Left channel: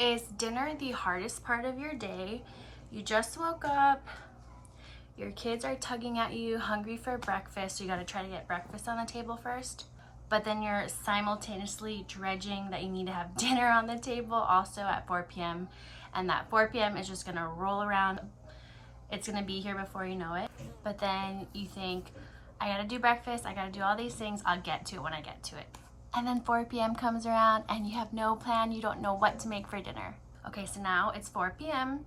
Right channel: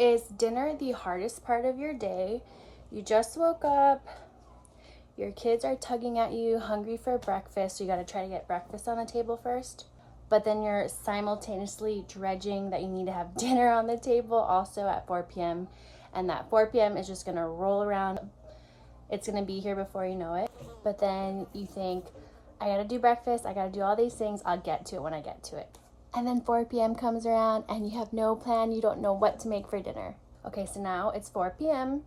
Is dinner the hardest part of your day? You just woke up, your kids are tugging at you, hungry for breakfast, so you gotta try to get breakfast on the table first. But then you're simultaneously dredging that you need to have dinner on the table also at 4 p.m. And that 4 p.m. is just gonna roll around. It's gonna be here before you know it. But then you think, I gotta do breakfast, I gotta do all these things, I'll get to it when I get to it. And then 4 p.m. comes around and you have no plan, you don't know what to make for dinner. Okay, so now it's 4 p.m.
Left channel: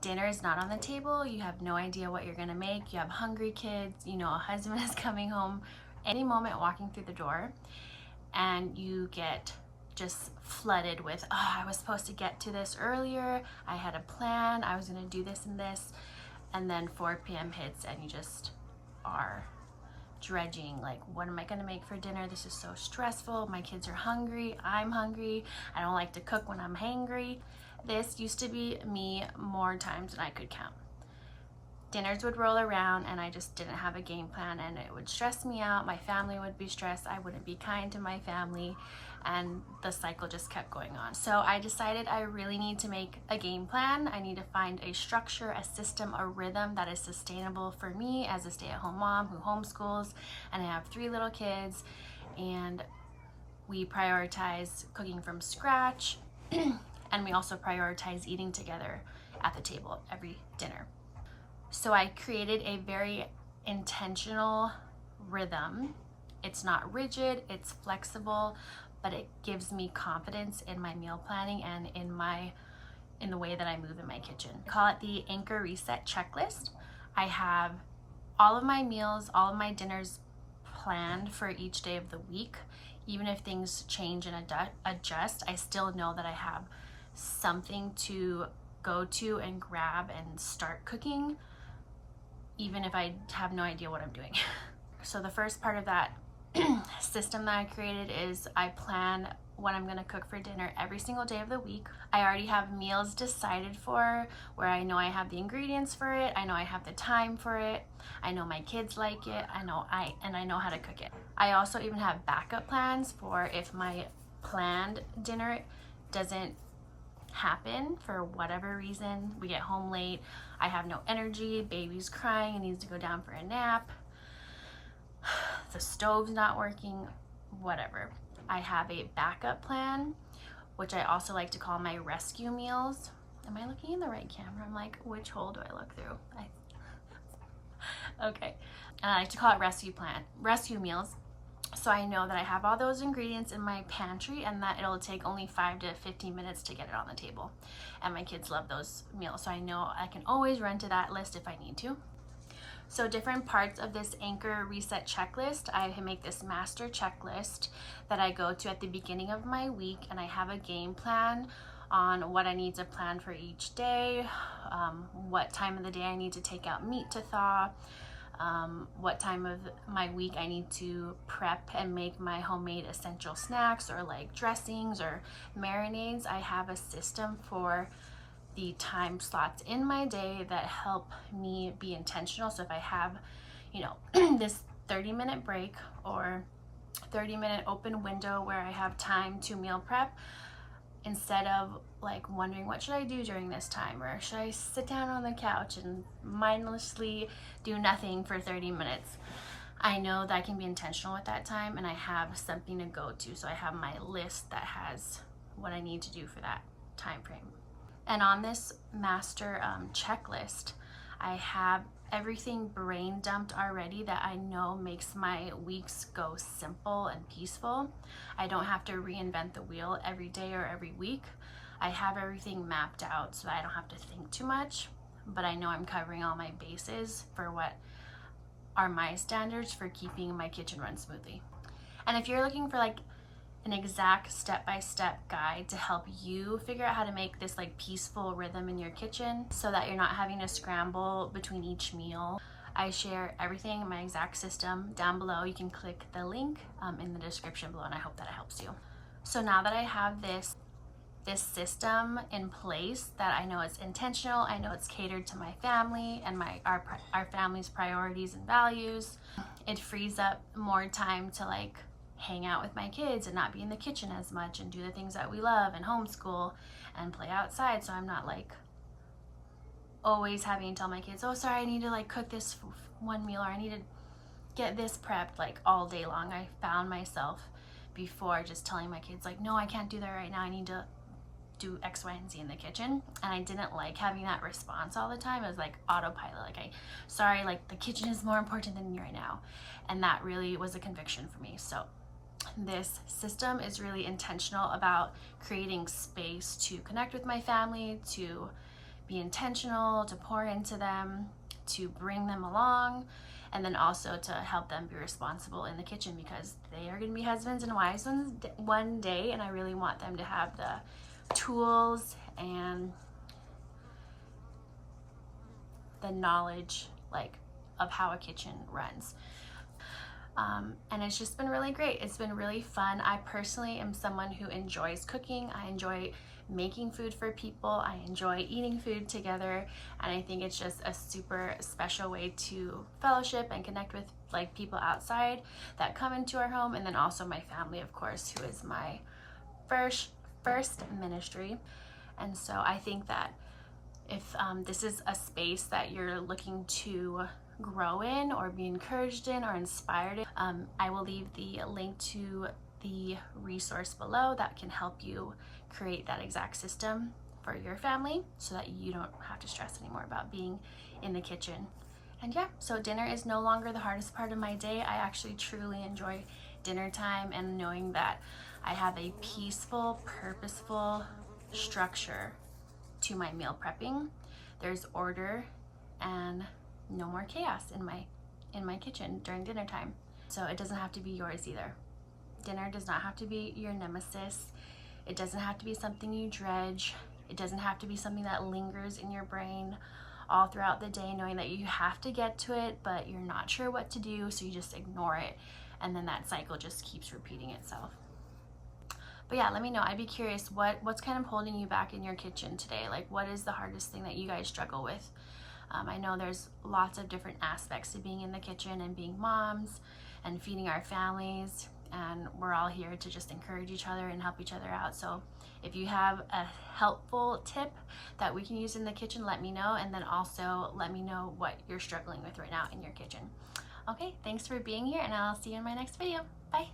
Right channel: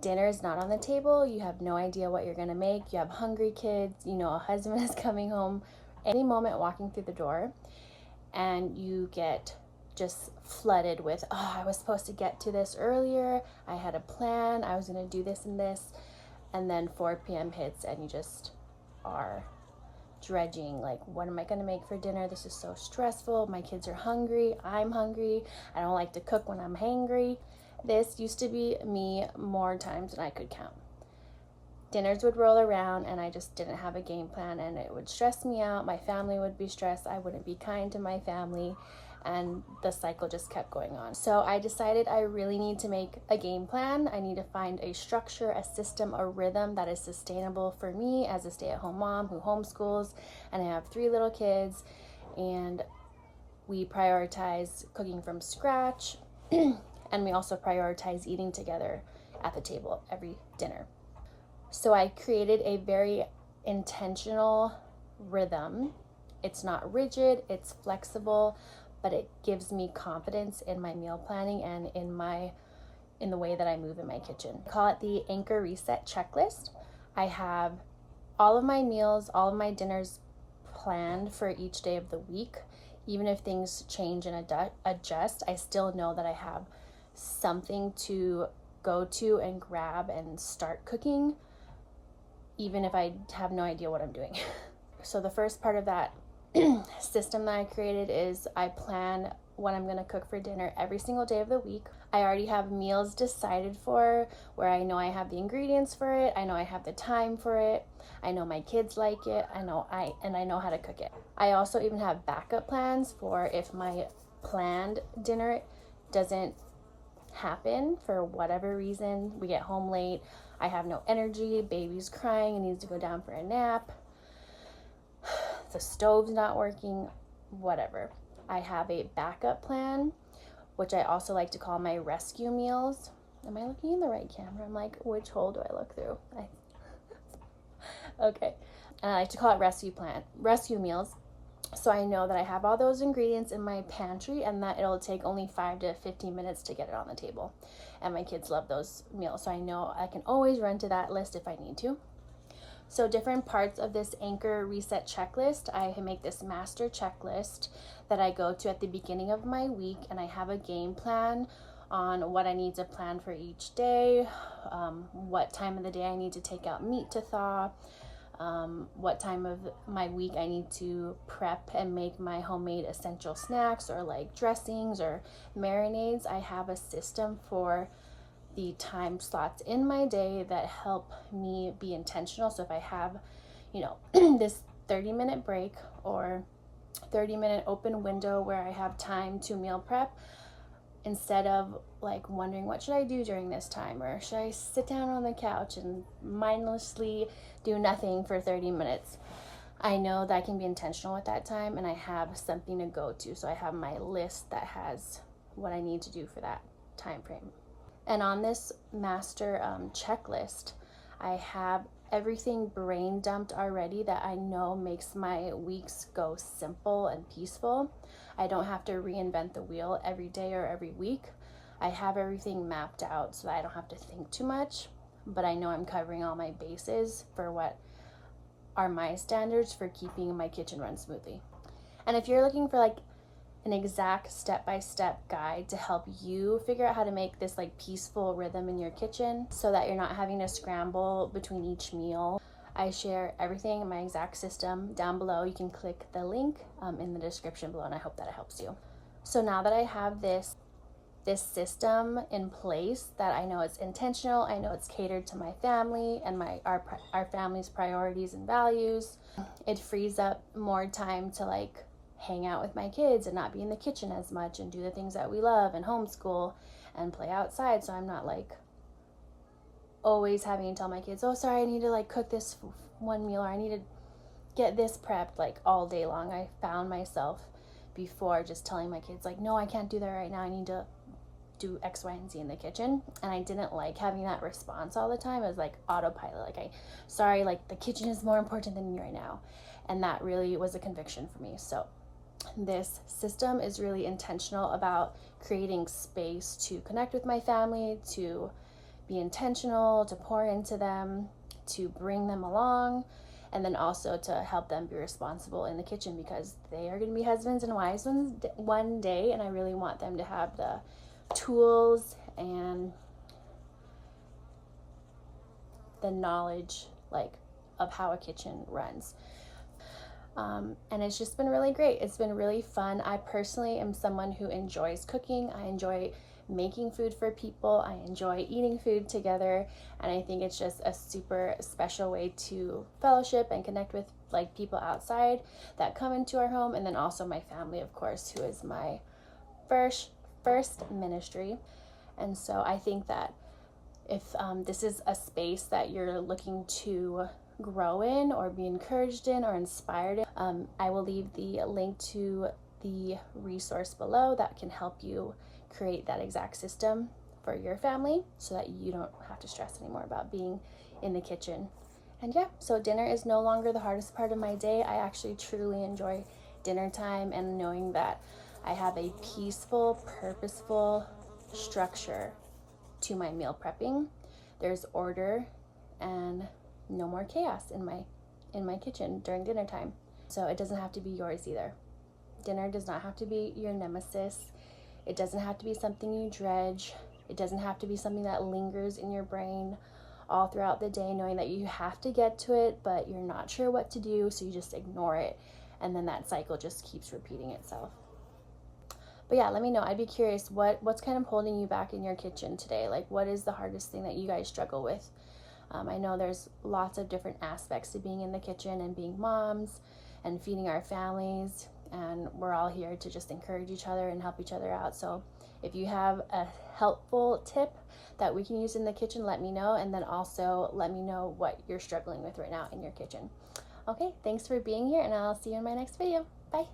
Dinner is not on the table, you have no idea what you're gonna make, you have hungry kids, you know a husband is coming home any moment walking through the door, and you get just flooded with, oh, I was supposed to get to this earlier, I had a plan, I was gonna do this and this, and then 4 p.m. hits and you just are dredging, like, what am I gonna make for dinner? This is so stressful, my kids are hungry, I'm hungry, I don't like to cook when I'm hangry. This used to be me more times than I could count. Dinners would roll around and I just didn't have a game plan, and it would stress me out, my family would be stressed, I wouldn't be kind to my family, and the cycle just kept going on. So I decided I really need to make a game plan. I need to find a structure, a system, a rhythm that is sustainable for me as a stay-at-home mom who homeschools, and I have 3 little kids, and we prioritize cooking from scratch and we also prioritize eating together at the table every dinner. So I created a very intentional rhythm. It's not rigid, it's flexible, but it gives me confidence in my meal planning and in the way that I move in my kitchen. I call it the Anchor Reset Checklist. I have all of my meals, all of my dinners planned for each day of the week. Even if things change and adjust, I still know that I have something to go to and grab and start cooking, even if I have no idea what I'm doing. So the first part of that system that I created is I plan what I'm gonna cook for dinner every single day of the week. I already have meals decided for, where I know I have the ingredients for it, I know I have the time for it, I know my kids like it, I know how to cook it. I also even have backup plans for if my planned dinner doesn't happen for whatever reason, we get home late, I have no energy, baby's crying and needs to go down for a nap, the stove's not working, whatever. I have a backup plan, which I also like to call my rescue meals. Am I looking in the right camera? I'm like, which hole do I look through? Okay. And I like to call it rescue meals. So I know that I have all those ingredients in my pantry and that it'll take only 5 to 15 minutes to get it on the table. And my kids love those meals, so I know I can always run to that list if I need to. So different parts of this Anchor Reset checklist, I make this master checklist that I go to at the beginning of my week, and I have a game plan on what I need to plan for each day, what time of the day I need to take out meat to thaw, what time of my week I need to prep and make my homemade essential snacks or like dressings or marinades. I have a system for the time slots in my day that help me be intentional. So if I have, this 30-minute break or 30-minute open window where I have time to meal prep, instead of like wondering what should I do during this time, or should I sit down on the couch and mindlessly do nothing for 30 minutes, I know that I can be intentional with that time and I have something to go to. So I have my list that has what I need to do for that time frame. And on this master checklist, I have everything brain dumped already that I know makes my weeks go simple and peaceful. I don't have to reinvent the wheel every day or every week. I have everything mapped out so that I don't have to think too much, but I know I'm covering all my bases for what are my standards for keeping my kitchen run smoothly. And if you're looking for like an exact step-by-step guide to help you figure out how to make this like peaceful rhythm in your kitchen so that you're not having to scramble between each meal, I share everything in my exact system down below. You can click the link in the description below, and I hope that it helps you. So now that I have this system in place, that I know it's intentional, I know it's catered to my family and our family's priorities and values, it frees up more time to like hang out with my kids and not be in the kitchen as much and do the things that we love and homeschool and play outside, so I'm not like always having to tell my kids, oh sorry, I need to like cook this one meal, or I need to get this prepped like all day long. I found myself before just telling my kids like, no, I can't do that right now, I need to do X, Y, and Z in the kitchen. And I didn't like having that response all the time. It was like autopilot, like, sorry, like the kitchen is more important than me right now. And that really was a conviction for me. So this system is really intentional about creating space to connect with my family, to be intentional, to pour into them, to bring them along, and then also to help them be responsible in the kitchen, because they are going to be husbands and wives one day, and I really want them to have the tools and the knowledge like of how a kitchen runs. And it's just been really great. It's been really fun. I personally am someone who enjoys cooking. I enjoy making food for people. I enjoy eating food together, and I think it's just a super special way to fellowship and connect with like people outside that come into our home, and then also my family, of course, who is my first ministry. And so I think that if this is a space that you're looking to grow in or be encouraged in or inspired in, I will leave the link to the resource below that can help you create that exact system for your family, so that you don't have to stress anymore about being in the kitchen. And yeah, so dinner is no longer the hardest part of my day. I actually truly enjoy dinner time and knowing that I have a peaceful, purposeful structure to my meal prepping. There's order and no more chaos in my kitchen during dinner time. So it doesn't have to be yours either. Dinner does not have to be your nemesis. It doesn't have to be something you dredge. It doesn't have to be something that lingers in your brain all throughout the day, knowing that you have to get to it, but you're not sure what to do, so you just ignore it. And then that cycle just keeps repeating itself. But yeah, let me know. I'd be curious, what's kind of holding you back in your kitchen today? Like, what is the hardest thing that you guys struggle with? I know there's lots of different aspects to being in the kitchen and being moms and feeding our families, and we're all here to just encourage each other and help each other out. So if you have a helpful tip that we can use in the kitchen, let me know, and then also let me know what you're struggling with right now in your kitchen. Okay, thanks for being here, and I'll see you in my next video. Bye.